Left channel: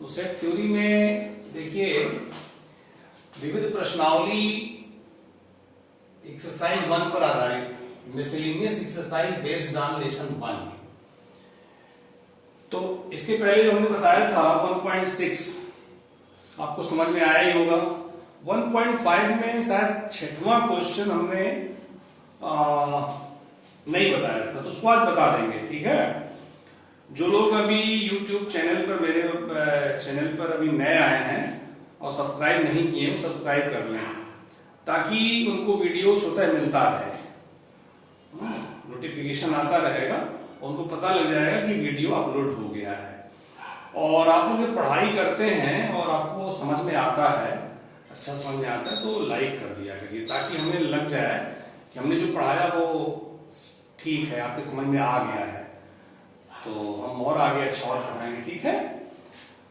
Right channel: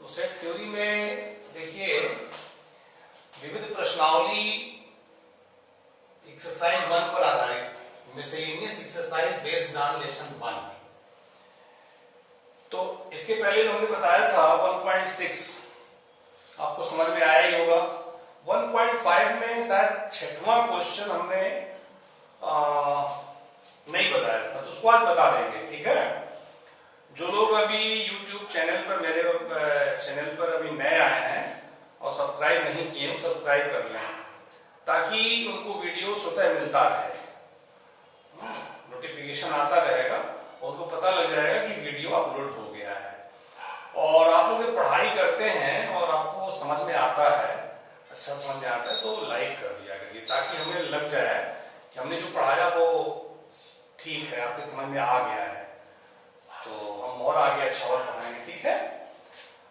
तो set theory में देखिए विविध प्रश्नावली एक्सरसाइज 1 पर आधारित miscellaneous exercise based on lesson 1। तो इसके पहले जो हमने बताया था 1.6 आपको समझ में आया ही होगा। 1.5 में शायद 6वां क्वेश्चन हमने नहीं बताया था, तो उसको आज बता देंगे, ठीक है। जो लोग अभी YouTube चैनल पर मेरे चैनल पर अभी नए आए हैं और सब्सक्राइब नहीं किए, सब्सक्राइब कर लें ताकि उनको वीडियो स्वतः मिलता रहे, नोटिफिकेशन आता रहेगा, उनको पता लग जाएगा कि वीडियो अपलोड हो गया है। और आप लोग पढ़ाई करते हैं और आपको समझ में आता है, अच्छा समझ में आता है, तो लाइक कर दिया करिए ताकि हमें लग जाए कि हमने जो पढ़ाया वो ठीक है, आपके समझ में आ गया है, तो हम और आगे अच्छा और पढ़ाएंगे, ठीक है।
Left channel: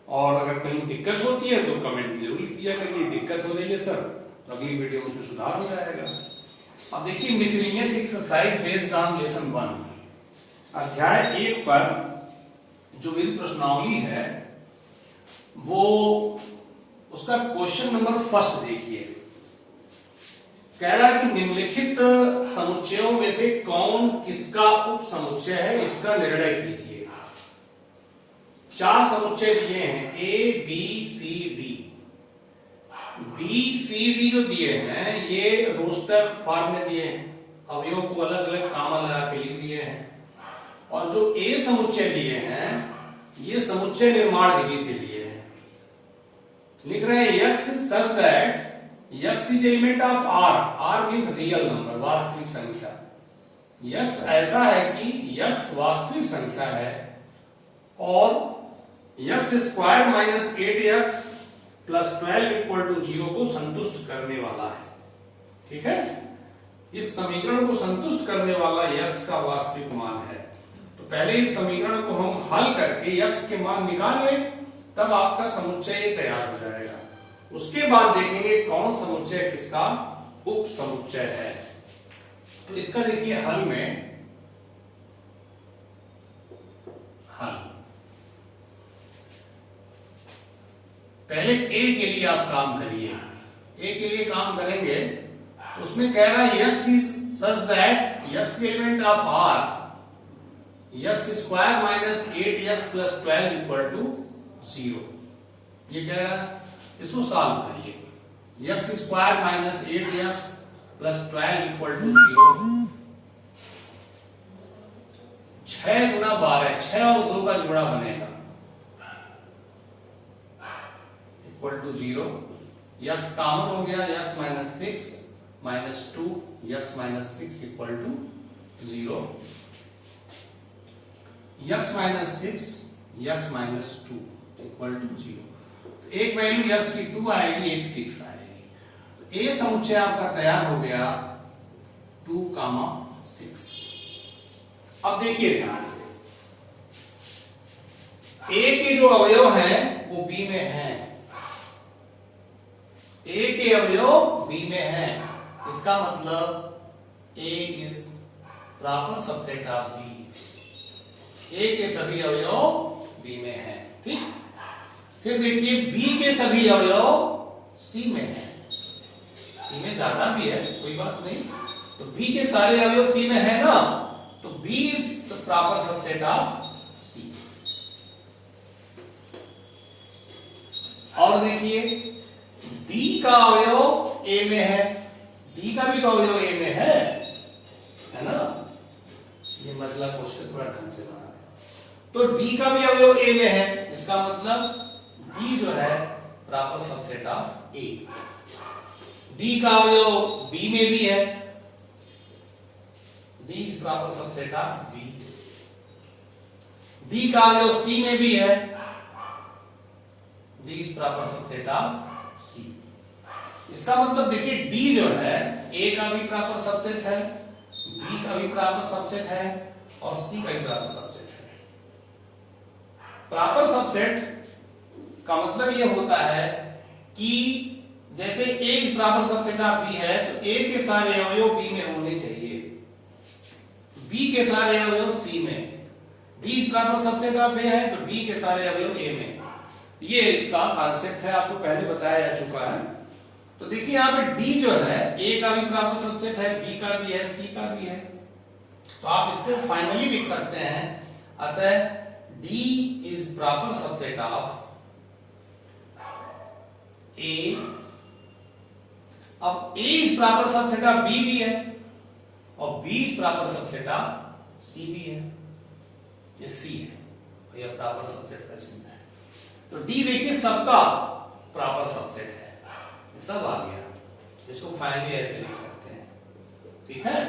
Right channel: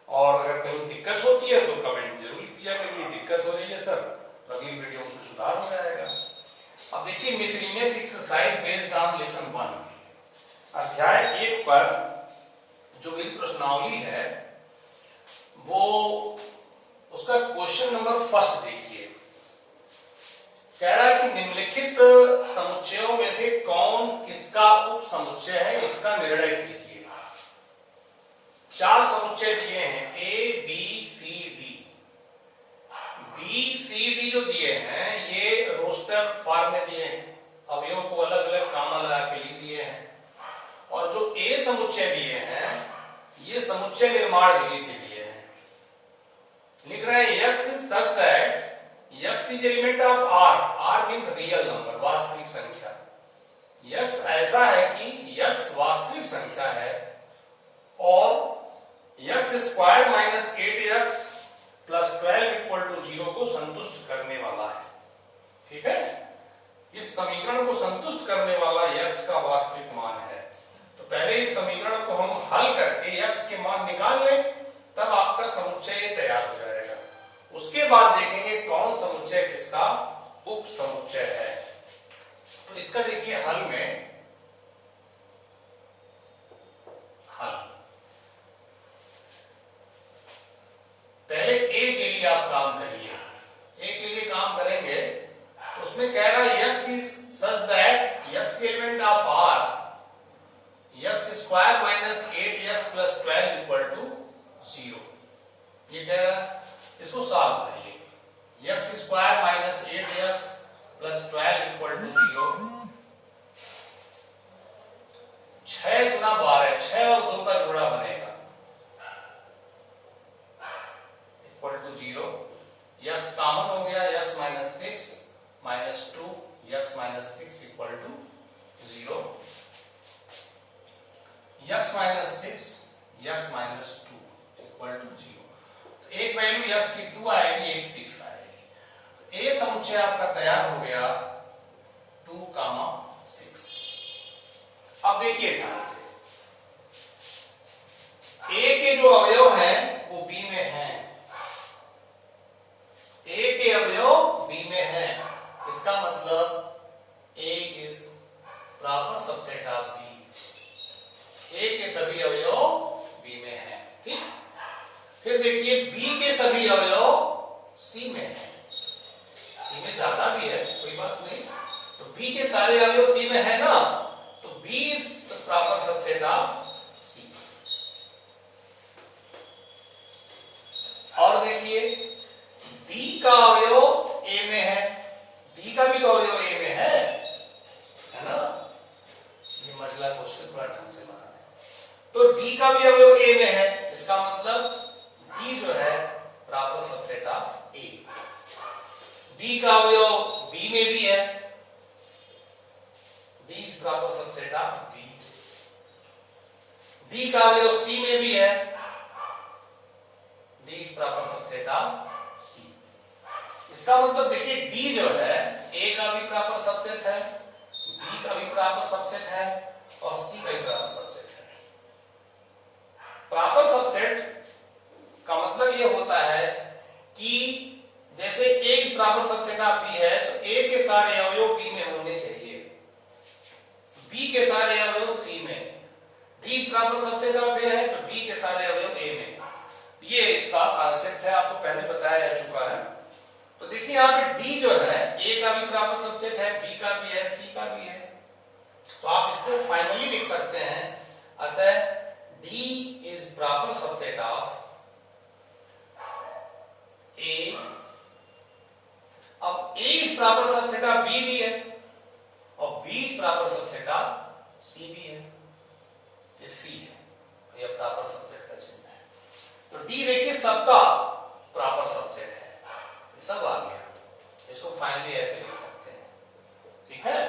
और अगर कहीं दिक्कत होती है तो कमेंट जरूर लिख दिया करिए, दिक्कत हो रही है सर, तो अगली वीडियो में उसमें सुधार हो जाएगा। अब देखिए miscellaneous exercise based on lesson 1 अध्याय 1 पर जो विविध प्रश्नावली है वो उसका क्वेश्चन नंबर फर्स्ट देखिए। कह रहा है कि निम्नलिखित समुच्चयों में से कौन किसका उप समुच्चय है, इसका निर्णय कीजिए। 4 समुच्चय दिए हैं, A B C D. B C D जो दिए हैं ये रोस्टर फॉर्म में दिए हैं, अवयवों को अलग अलग कामा लगा के लिख दिए हैं। और जो ए समुच्चय दिए हैं ये समुच्चय निर्माण विधि से दिए हैं। लिख रहे हैं x such that x is element of R, R means real number, वास्तविक संख्या। यक्स ऐसा है कि यक्स वास्तविक संख्या है और x square minus 8x plus 12 equal to 0 को संतुष्ट करने वाला है, ठीक है। इस समीकरण को संतुष्ट करने वाला यक्स का वास्तविक मान है। तो पहले इस समीकरण को हम हल करके यक्स के मान निकाल लें, तब आपका समुच्चय तैयार हो जाएगा। उसके बाद देखेंगे कौन समुच्चय किसका उप समुच्चय है। तो इसका देखिए हल में, हल पहले ए के लिए आप काम करिए। ए के लिए काम करेंगे तो उसमें कह रहा है x is such that x element of R x square minus 8x plus 12 equal to 0। ये कह रहा है, इसको सॉल्व करिए। X square minus 8x plus 12 equal to 0। 6 गुना 12, 6 और 2 का जोड़ा बनेगा इक्वल टू 0। यक्स कॉमन हो गया, x minus 6 minus 2 x minus 6 equal to 0। X minus 6 x minus 2 equal to 0। एक वैल्यू x की 2 आएगी, एक 6 आएगी। ए समुच्चय आपका तैयार हो गया 2,6। अब देखिए ध्यान से, ए के जो अवयव हैं वो बी में हैं। ए के अवयव बी में हैं, इसका मतलब A is proper subset of B. A के सभी अवयव बी में हैं, ठीक। फिर देखिए बी के सभी अवयव सी में है, सी में ज्यादा भी है, कोई बात नहीं। तो बी के सारे अवयव सी में है ना, तो B is the proper subset of C. और देखिए डी का अवयव ए में है, डी का भी तो अवयव ए में है ना। ये मसला क्वेश्चन थोड़ा ढंग से बना है। तो डी का भी अवयव ए में है, इसका मतलब डी जो है proper subset of A. D का अवयव बी में भी है, D is proper subset of B. D का अवयव सी में भी है, D is proper subset of C. इसका मतलब देखिए डी जो है ए का भी प्रॉपर सबसेट है, बी का भी प्रॉपर सबसेट है और सी का भी प्रॉपर सबसेट है। प्रॉपर सबसेट का मतलब यह होता है कि जैसे A is proper subset of B है तो ए के सारे अवयव बी में होने चाहिए, बी के सारे अवयव सी में। D is proper subset of A है तो डी के सारे अवयव ए में। ये इसका कॉन्सेप्ट है, आपको पहले बताया जा चुका है। तो देखिए यहाँ पे डी जो है ए का भी प्रॉपर सबसेट है, बी का भी है, सी का भी है। तो आप इसको फाइनली लिख सकते हैं, अतः D is proper subset of A. अब A is proper subset of B भी है और B is proper subset of C भी है। ये सी है, यह प्रॉपर सबसेट का चिन्ह है। तो डी देखिए सबका प्रॉपर सबसेट है, ये सब आ गया। इसको फाइनली ऐसे लिख सकते हैं, ठीक है।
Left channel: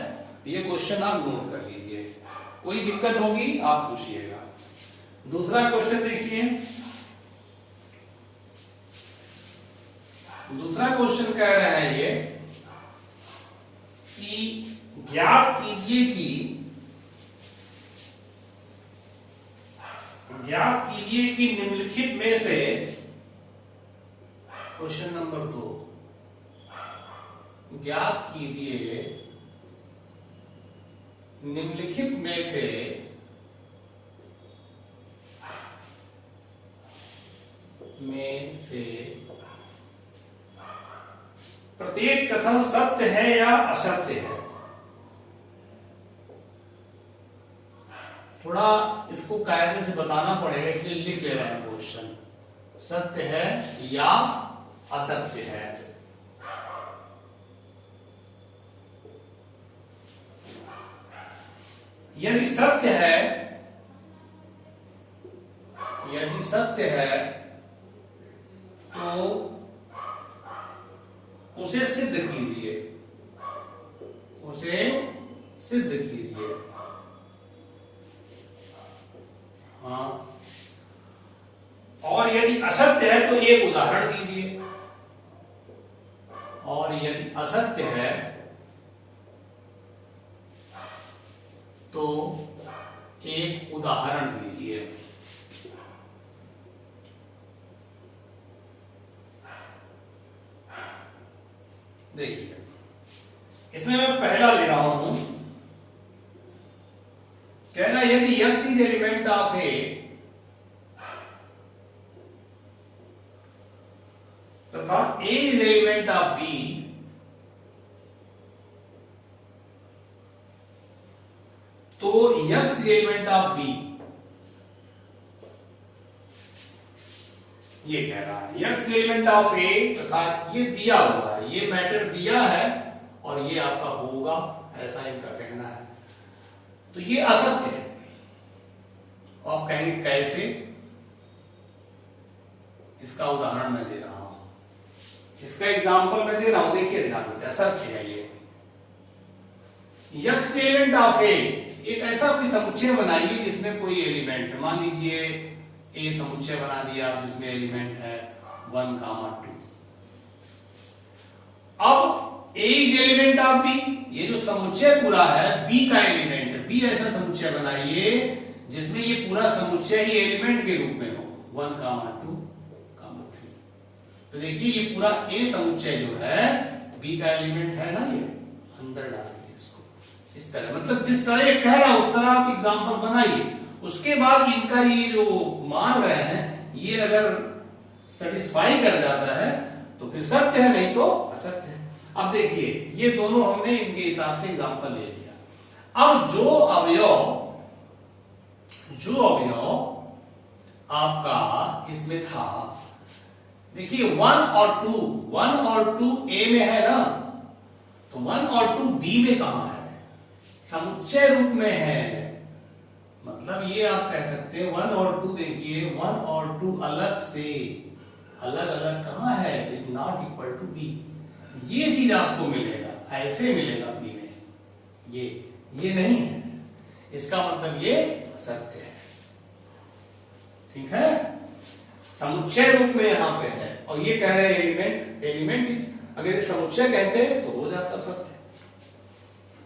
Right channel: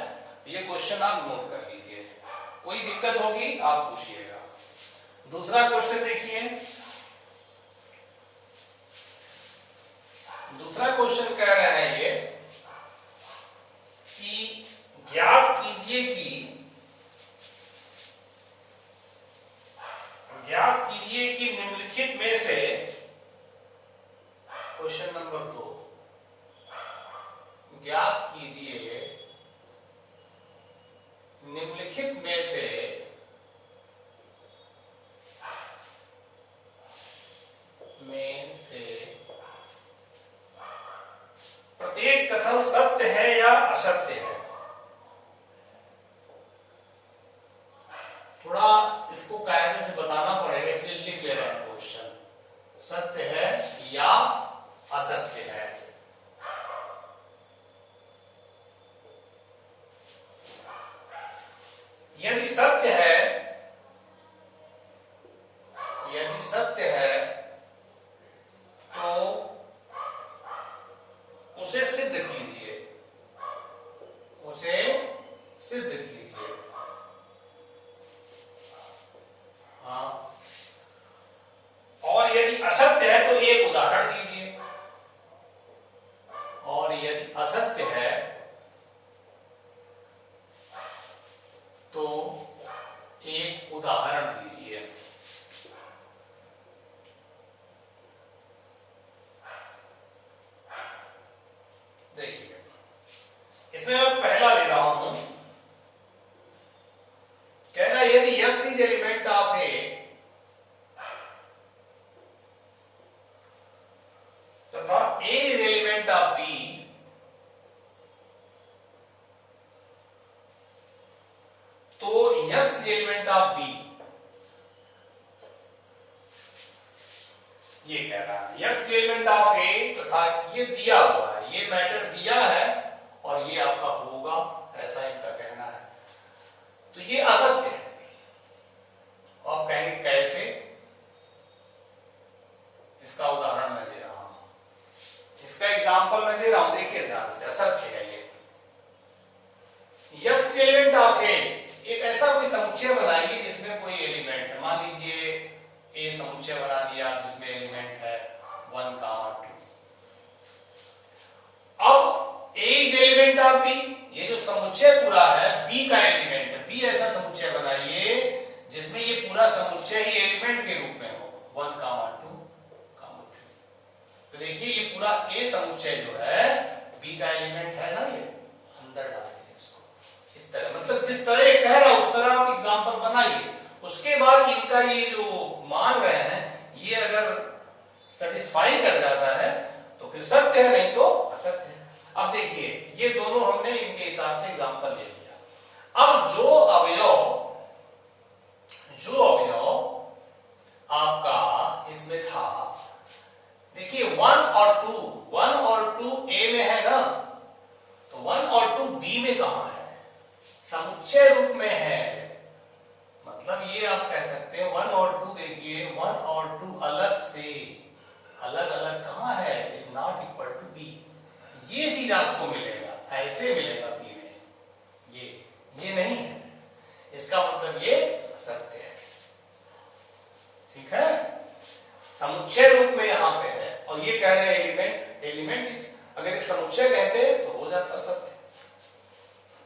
ये क्वेश्चन आप नोट कर लीजिए, कोई दिक्कत होगी आप पूछिएगा। दूसरा क्वेश्चन देखिए, दूसरा क्वेश्चन कह रहा है ये कि ज्ञात कीजिए कि निम्नलिखित में से, क्वेश्चन नंबर 2, ज्ञात कीजिए निम्नलिखित में से प्रत्येक कथन सत्य है या असत्य है। थोड़ा इसको कायदे से बताना पड़ेगा, इसलिए लिख ले रहे हैं क्वेश्चन, सत्य है या असत्य है। यदि सत्य है तो उसे सिद्ध कीजिए, हाँ। और यदि असत्य है तो एक उदाहरण दीजिए, और यदि असत्य है तो एक उदाहरण दीजिए। देखिए इसमें मैं पहला ले रहा हूं, कहना यदि x इज एलिमेंट ऑफ ए तथा a is element of b, तो x is element of b। ये कह रहा है x एलिमेंट ऑफ a तथा ये दिया हुआ है, ये मैटर दिया है और ये आपका होगा, ऐसा इनका कहना है। तो ये असत्य है। आप कहेंगे कैसे, इसका उदाहरण मैं दे रहा हूं, इसका एग्जांपल मैं दे रहा हूं, देखिए ध्यान से। असत्य है ये x एलिमेंट ऑफ a, एक ऐसा कोई समुच्चय बनाइए जिसमें कोई एलिमेंट है, मान लीजिए ए समुच्चय बना दिया, जिसमें एलिमेंट है 1, 2। अब A is element of B, ये जो समुच्चय पूरा है बी का एलिमेंट है। बी ऐसा समुच्चय बनाइए जिसमें ये पूरा समुच्चय ही एलिमेंट के रूप में हो, 1, 2, 3। तो देखिए ये पूरा ए समुच्चय जो है बी का एलिमेंट है ना, ये अंदर डालिए इसको इस तरह, मतलब जिस तरह कह रहा है उस तरह आप एग्जाम्पल बनाइए। उसके बाद इनका ये जो मान रहे हैं ये अगर सेटिस्फाई कर जाता है तो फिर सत्य है, नहीं तो असत्य है। अब देखिए ये दोनों हमने इनके हिसाब से एग्जांपल ले लिया। अब जो अवयव आपका इसमें था, देखिए 1 और 2 ए में है ना, तो 1 और 2 बी में कहां है, समुच्चय रूप में है। मतलब ये आप कह सकते हैं 1 और 2, देखिए 1 और 2 अलग से अलग अलग कहां है, is not equal to B. ये चीज आपको मिलेगा, ऐसे मिलेगा बी में, ये नहीं है, इसका मतलब ये सत्य है, ठीक है। समुच्चय रूप में यहां पे है और ये कह रहे हैं एलिमेंट इज, अगर ये समुच्चय कहते तो हो जाता सत्य,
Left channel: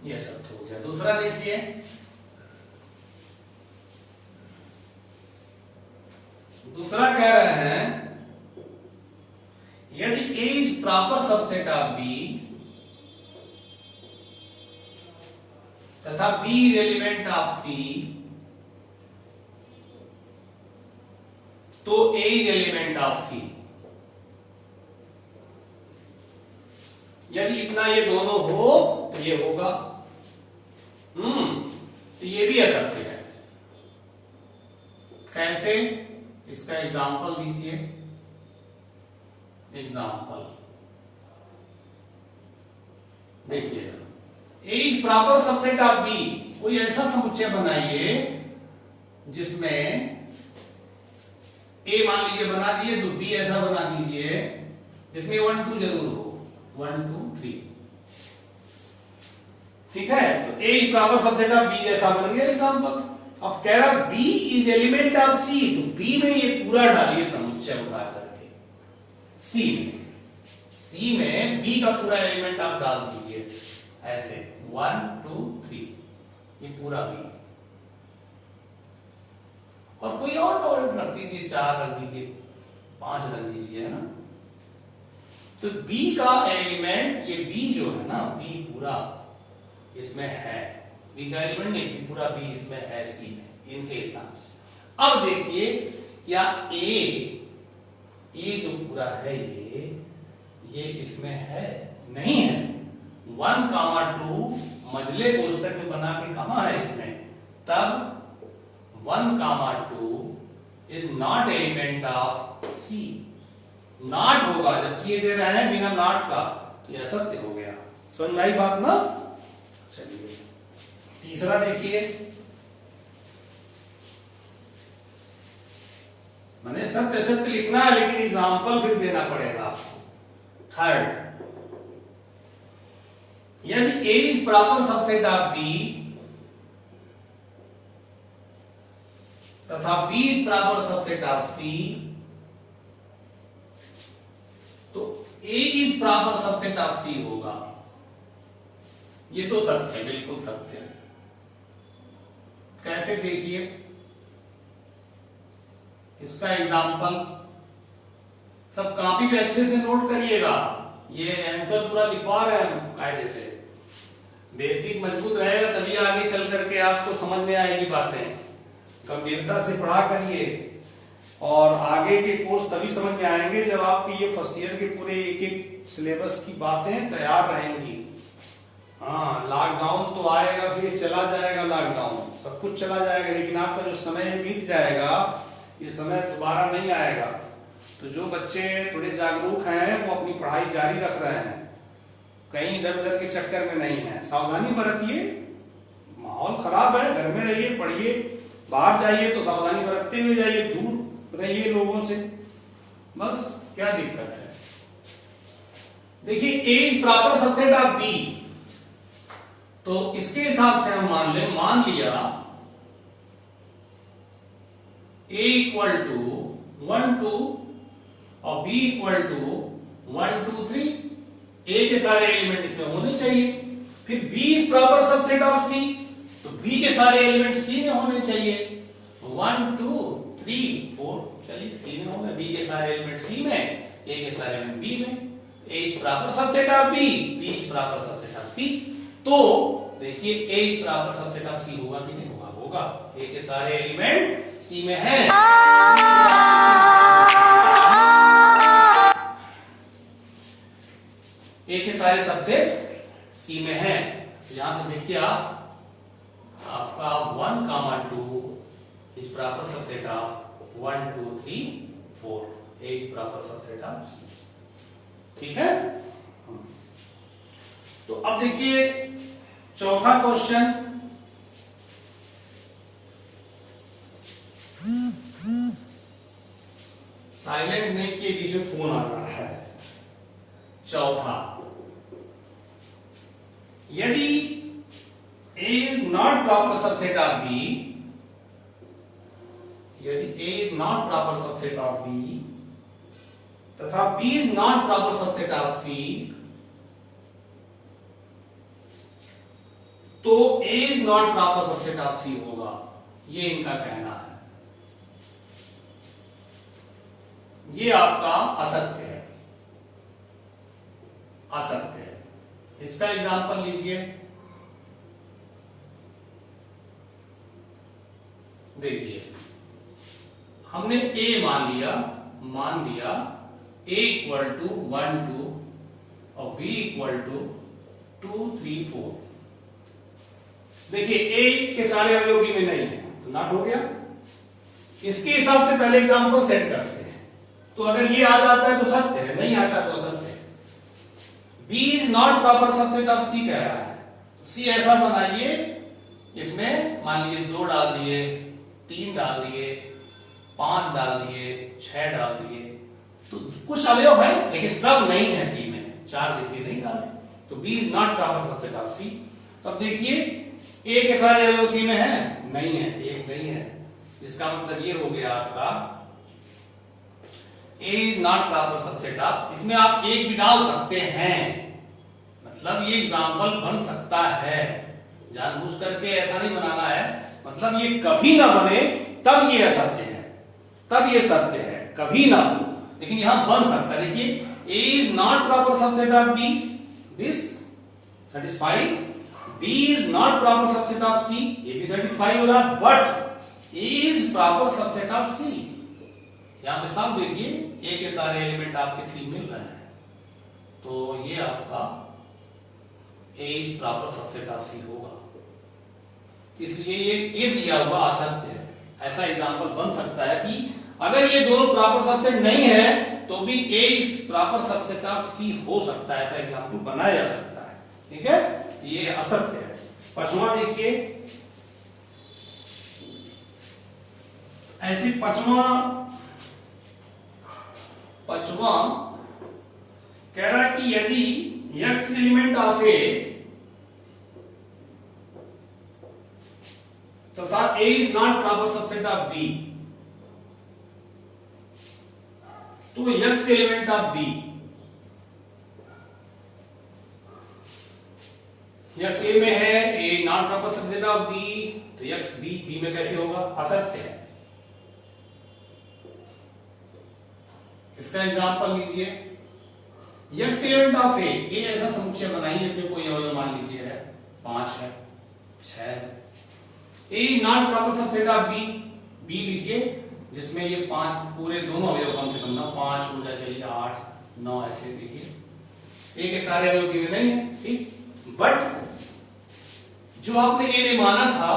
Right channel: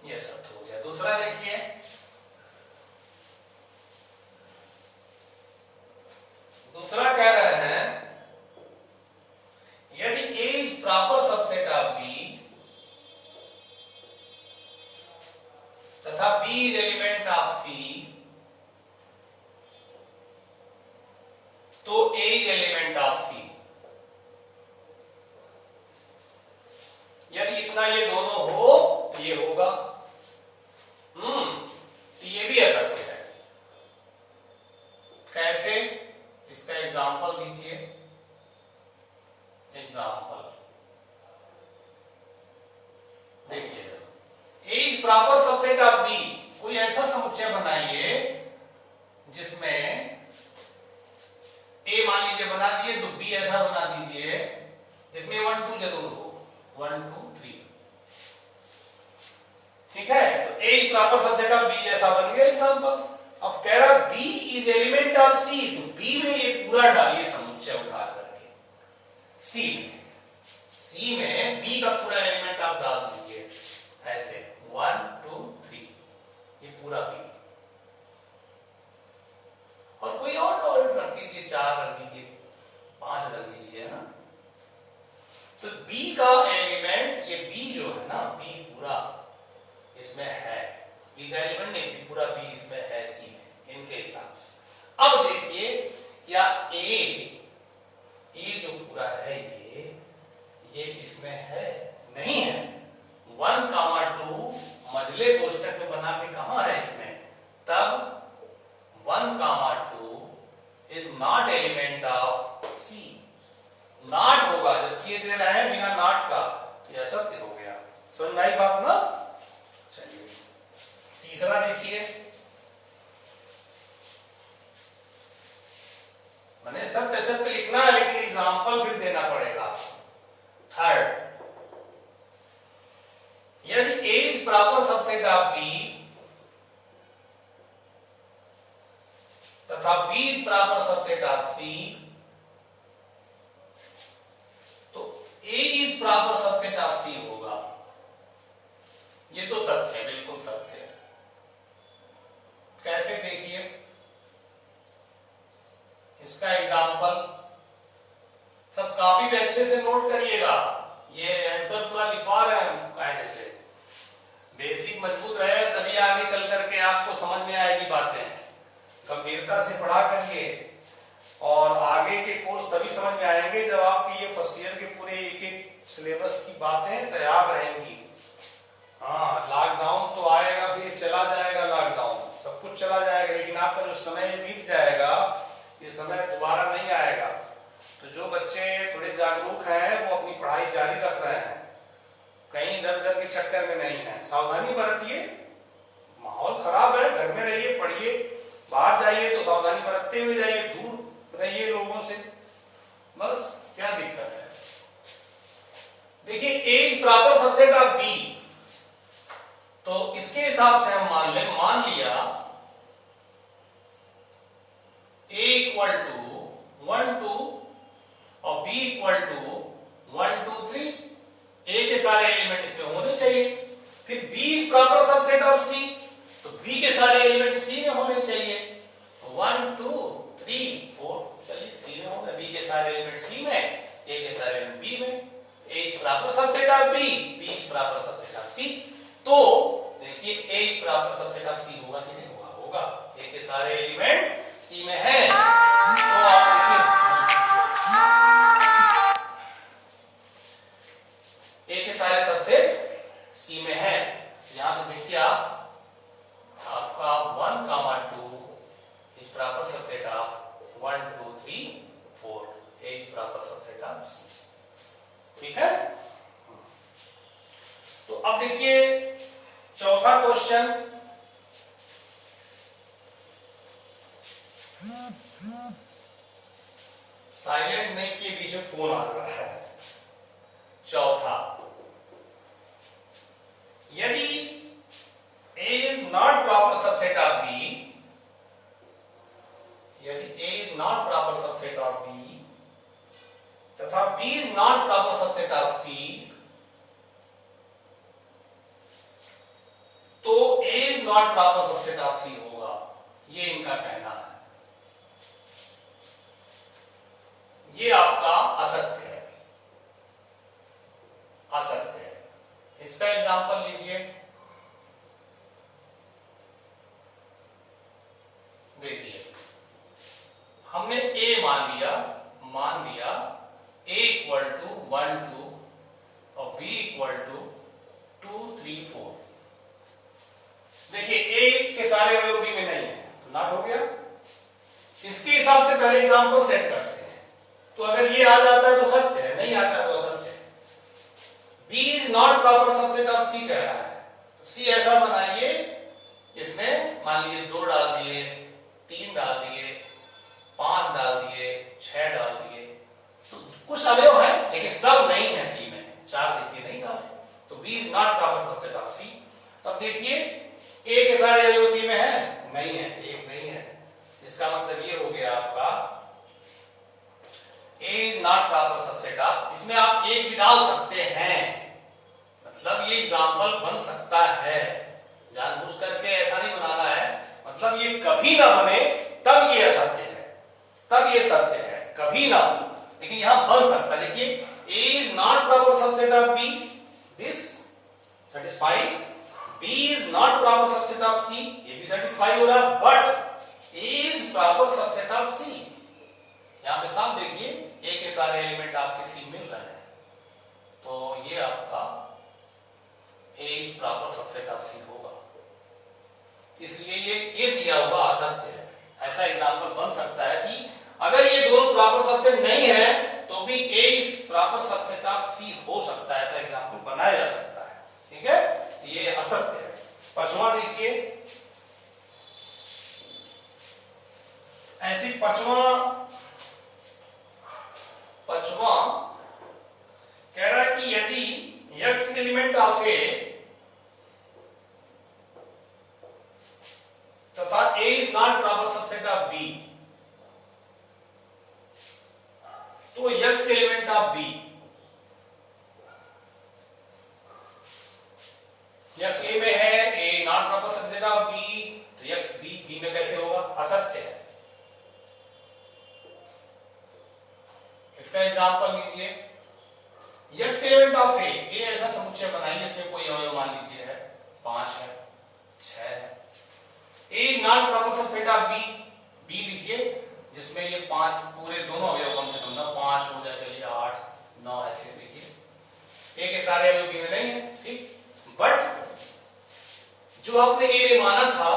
ये सत्य हो गया। दूसरा देखिए, दूसरा कह रहे हैं यदि A is proper subset of B तथा B is element of C, तो A is element of C। यदि इतना ये दोनों हो तो ये होगा। तो ये भी असत्य है। कैसे? इसका एग्जाम्पल दीजिए। एग्जाम्पल देखिए, A is proper subset of B। कोई ऐसा समुच्चय बनाइए जिसमें A मान लीजिए बना दिए, तो B ऐसा बना दीजिए जिसमें 1 2 जरूर हो, 1 2 3। ठीक है, तो A is proper subset of B जैसा बन गया एग्जाम्पल। अब कह रहा B is element of C, तो B में ये पूरा डालिए समुच्चय उठा करके C में B का पूरा एलिमेंट आप डाल दीजिए ऐसे 1 2 3, ये पूरा B। और कोई और रख दीजिए, 4 रख दीजिए, 5 रख दीजिए, है ना। तो B का एलिमेंट, ये B जो है ना, B पूरा इसमें है, B का एलिमेंट नहीं, B पूरा B इसमें है C में, इनके हिसाब से। अब देखिए, या A जो पूरा है ये इसमें है नहीं है। 1, 2 मझले कोष्टक में बना के कहां है इसमें, तब 1, 2 is not element of C। Not होगा, जबकि ये दे रहे हैं बिना नॉट का, तो यह सत्य हो गया। समझ में आई बात ना। चलिए तीसरा देखिए, मैंने सत्य सत्य लिखना है लेकिन एग्जाम्पल फिर देना पड़ेगा। थर्ड, यदि A is proper subset of B तथा B is proper subset of C, तो A is proper subset of C होगा। ये तो सत्य है, बिल्कुल सत्य है। कैसे? देखिए इसका एग्जाम्पल सब कॉपी पे अच्छे से नोट करिएगा। ये आंसर पूरा लिखवा रहे हैं कायदे से, बेसिक मजबूत रहेगा तभी आगे चल करके आपको समझ में आएगी बातें। गंभीरता से पढ़ा करिए और आगे के कोर्स तभी समझ में आएंगे जब आपकी ये फर्स्ट ईयर के पूरे एक एक सिलेबस की बातें तैयार रहेंगी। हाँ, लॉकडाउन तो आएगा, फिर चला जाएगा लॉकडाउन, सब कुछ चला जाएगा, लेकिन आपका जो समय बीत जाएगा ये समय दोबारा नहीं आएगा। तो जो बच्चे थोड़े जागरूक हैं वो अपनी पढ़ाई जारी रख रहे हैं, कहीं इधर उधर के चक्कर में नहीं है। सावधानी बरतिए, माहौल खराब है, घर में रहिए, पढ़िए। बाहर जाइए तो सावधानी बरतते हुए जाइए, दूर रहिए लोगों से, बस। क्या दिक्कत है? देखिए A is proper subset of B, तो इसके हिसाब से हम मान लिया A इक्वल टू 1 2 और B इक्वल टू 1 2 3। A के सारे एलिमेंट इसमें होने चाहिए। फिर B is proper subset of C, तो B के सारे एलिमेंट C में होने चाहिए। 1 2 3 4, चलिए C में होंगे, B के सारे एलिमेंट C में, A के सारे एलिमेंट B में। A is proper subset of B, B is proper subset of C। तो देखिए A is proper subset of C होगा कि नहीं होगा? होगा। A के सारे एलिमेंट C में हैं, तो A के सारे सबसेट C में है। यहां पे देखिए आपका 1, 2 is proper subset of 1 2 3 4। A is proper subset of C। ठीक है। तो अब देखिए चौथा क्वेश्चन, साइलेंट नहीं किए, बीच में फोन आ रहा है। चौथा, यदि A is not proper subset of B, यदि A is not proper subset of B तथा B is not proper subset of C, तो A is not proper subset of C होगा। ये इनका कहना है। ये आपका असत्य है, असत्य है। इसका एग्जांपल लीजिए। देखिए हमने ए मान लिया a इक्वल टू 1 2 और b इक्वल टू 2 3 4। देखिए a के सारे अवयव b में नहीं है तो नॉट हो गया। इसके हिसाब से पहले एग्जाम्पल सेट करते हैं। तो अगर ये आ जाता है तो सत्य है, नहीं आता है तो असत्य है। b is not proper subset of c कह रहा है, तो c ऐसा बनाइए, इसमें मान लीजिए 2 डाल दिए, 3 डाल दिए, 5 डाल दिए, 6 डाल दिए, तो कुछ अवयव है लेकिन सब नहीं है c में। 4 देखिए नहीं डाले, तो b is not proper subset of c। तो अब देखिए a के सारे अवयव c में है, नहीं है, एक नहीं है। इसका मतलब ये हो गया आपका a is not proper subset of. इसमें आप एक भी डाल सकते हैं, मतलब ये एग्जाम्पल बन सकता है, जानबूझ करके ऐसा नहीं बनाना है। मतलब ये कभी ना बने तब ये असत्य है, तब ये सत्य है, कभी ना हो, लेकिन यहां बन सकता है। देखिए a is not proper subset of b, this satisfied. b is not proper subset of c, ये भी सेटिस्फाई हो रहा, but a is proper subset of c। यहां पे साफ देखिए a के सारे एलिमेंट आपके c मिल रहे हैं, तो ये आपका a is proper subset of c होगा। इसलिए ये दिया हुआ असत्य है। ऐसा एग्जांपल बन सकता है कि अगर ये दोनों प्रॉपर सबसेट नहीं है तो भी a is proper subset of c हो सकता है, ऐसा एग्जांपल बनाया जा सकता है। ठीक है, ये असत्य है। पांचवा देखिए, ऐसी पांचवा कह रहा है कि यदि x एलिमेंट ऑफ a तथा a is not proper subset of b, तो x element of b, x a में है, a not proper subset of b, तो x b में कैसे होगा, असत्य है। इसका एग्जांपल लीजिए, x एलिमेंट ऑफ a, ऐसा समुच्चय बनाइए, इसमें कोई अवयव मान लीजिए है 5 है, 6 है। a not proper subset of b, b लिखिए जिसमें ये 5 पूरे दोनों अवयव कम से कम ना 5 हो जाए, चलिए 8 9 ऐसे देखिए। a के सारे अवयव b में नहीं है, ठीक। बट जो आपने a में माना था,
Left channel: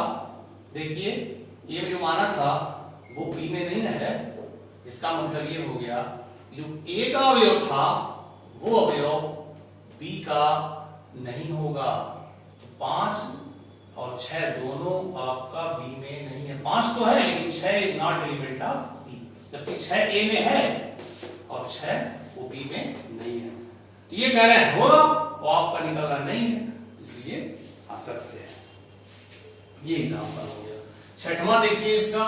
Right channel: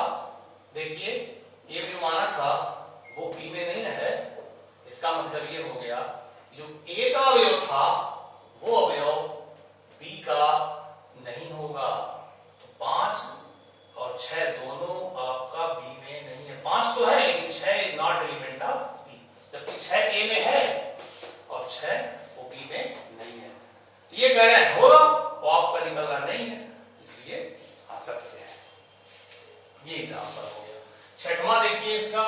देखिए a में माना था वो b में नहीं है। इसका मतलब ये हो गया जो a का अवयव था वो अवयव b का नहीं होगा। तो 5 और 6 दोनों आपका b में नहीं है। 5 तो है लेकिन 6 is not element of b, जबकि 6 a में है और 6 वो b में नहीं है। तो ये कह रहे हैं होगा, वो आपका निकल रहा नहीं है, इसलिए असत्य है। ये एग्जांपल हो गया। छठवां देखिए, इसका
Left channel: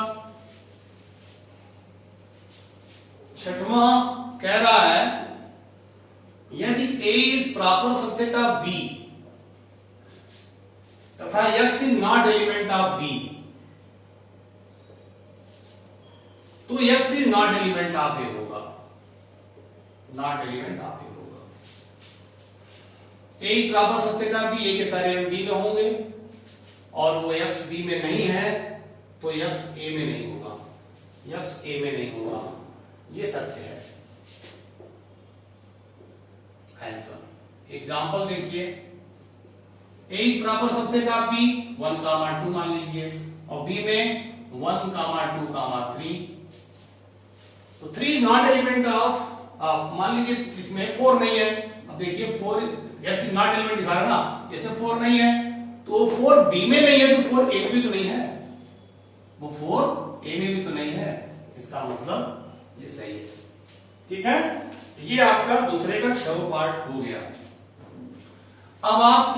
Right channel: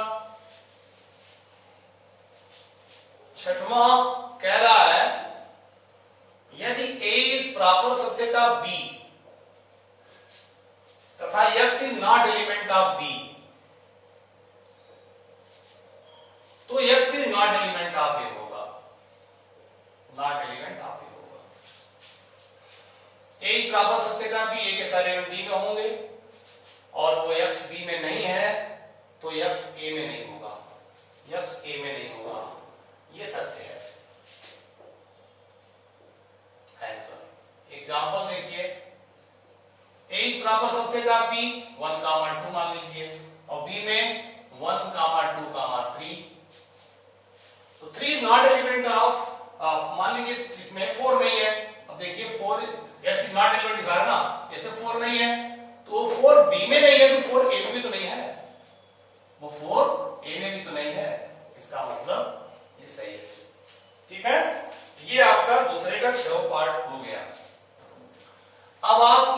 छठवां कह रहा है यदि a is proper subset of b तथा x is not element of b, तो x is not element of a होगा, नॉट एलिमेंट ऑफ a होगा। a is proper subset of b, a के सारे एलिमेंट b में होंगे और वो x b में नहीं है तो x a में नहीं होगा, x a में नहीं होगा। ये सत्य है। एग्जाम्पल देखिए, a is proper subset of b, 1, 2 मान लीजिए, और b में 1, 2, 3, तो 3 इज नॉट एलिमेंट ऑफ, मान लीजिए इसमें 4 नहीं है। अब देखिए 4 x इज नॉट एलिमेंट दिखा रहा है ना, इसमें 4 नहीं है, तो 4 b में नहीं है तो 4 a में भी तो नहीं है, वो 4 a में भी तो नहीं है। इसका मतलब ये सही है। ठीक है, ये आपका दूसरे का 6वां पार्ट हो गया। अब आप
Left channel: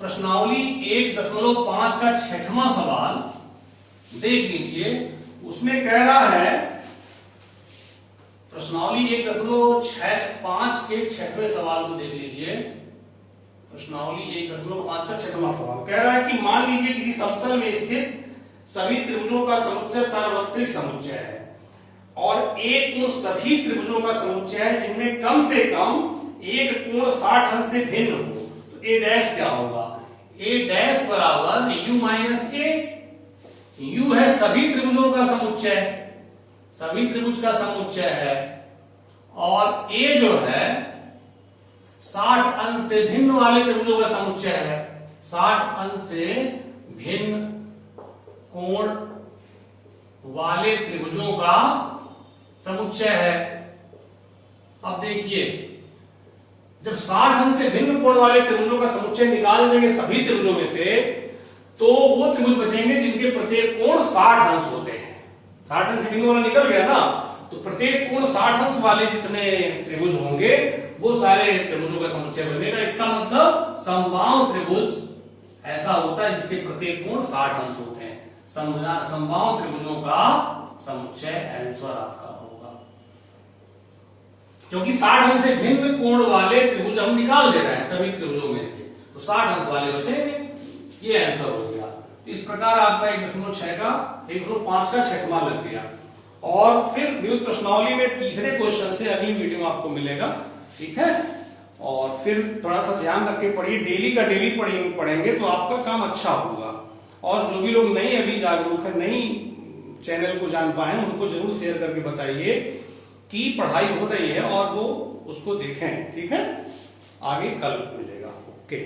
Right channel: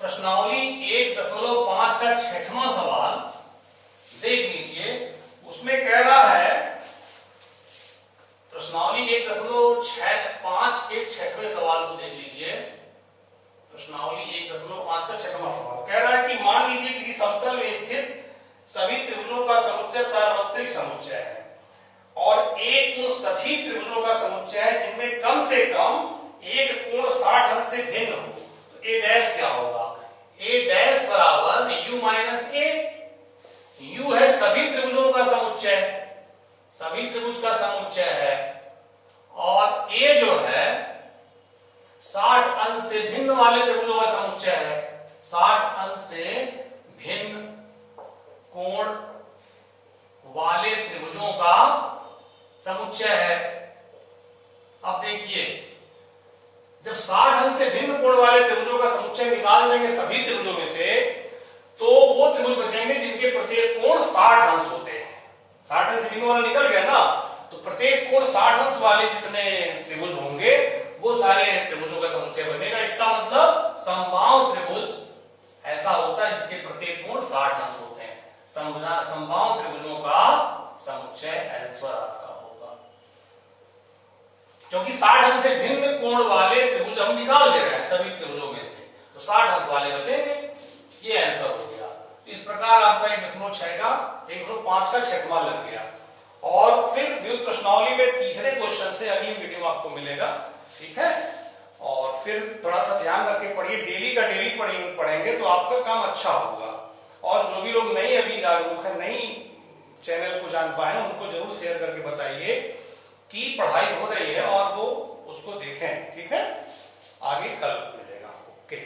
प्रश्नावली 1.5 का 6वां सवाल देख लीजिए। उसमें कह रहा है, प्रश्नावली 1.5 के 6वें सवाल को देख लीजिए। प्रश्नावली 1.5 का 6वां सवाल कह रहा है कि मान लीजिए किसी समतल में स्थित सभी त्रिभुजों का समुच्चय सार्वत्रिक समुच्चय है और एक उन सभी त्रिभुजों का समुच्चय है जिनमें कम से कम एक कोण 60 अंश से भिन्न हो। तो a डैश क्या होगा, a डैश बराबर u माइनस a। u है सभी त्रिभुजों का समुच्चय, सभी त्रिभुज का समुच्चय है, और ए जो है 60 अंश से भिन्न वाले त्रिभुजों का समुच्चय है। 60 अंश से भिन्न कोण वाले त्रिभुजों का समुच्चय है। अब देखिए, जब 60 अंश से भिन्न कोण वाले त्रिभुजों का समुच्चय निकाल देंगे सभी त्रिभुजों में से, तो वो त्रिभुज बचेंगे जिनके प्रत्येक कोण 60 अंश होते हैं। 60 अंश से भिन्न वाला निकल गया ना, तो प्रत्येक कोण 60 अंश वाले जितने त्रिभुज होंगे वो सारे त्रिभुजों का समुच्चय बनेगा। इसका मतलब समबाहु त्रिभुज ऐसा होता है जिसके प्रत्येक कोण 60 अंश होते हैं। समबाहु त्रिभुजों का समुच्चय आंसर आपका होगा, क्योंकि 60 अंश से भिन्न कोण वाले त्रिभुज हम निकाल दे रहे हैं सभी त्रिभुजों में से, तो 60 अंश वाले बचेंगे। ये आंसर हो गया। तो इस प्रकार आपका 1.6 का 1.5 का छठवां लग गया। और फिर व्युत्पन्न प्रश्नावली में तीसरे क्वेश्चन से अगली वीडियो में आपको मिलेगा, ठीक है। और फिर थोड़ा सा ध्यान रख के पढ़िए, डेली का डेली पढ़ेंगे तो आपका काम अच्छा होगा। और जो भी लोग नहीं अभी जागरूक है, नहीं चैनल को जान पाए, उनको जरूर शेयर करके बताइए कि पढ़ाई हो रही है और वो उसको देखें, ठीक है। आगे कल मिलेगा। ओके।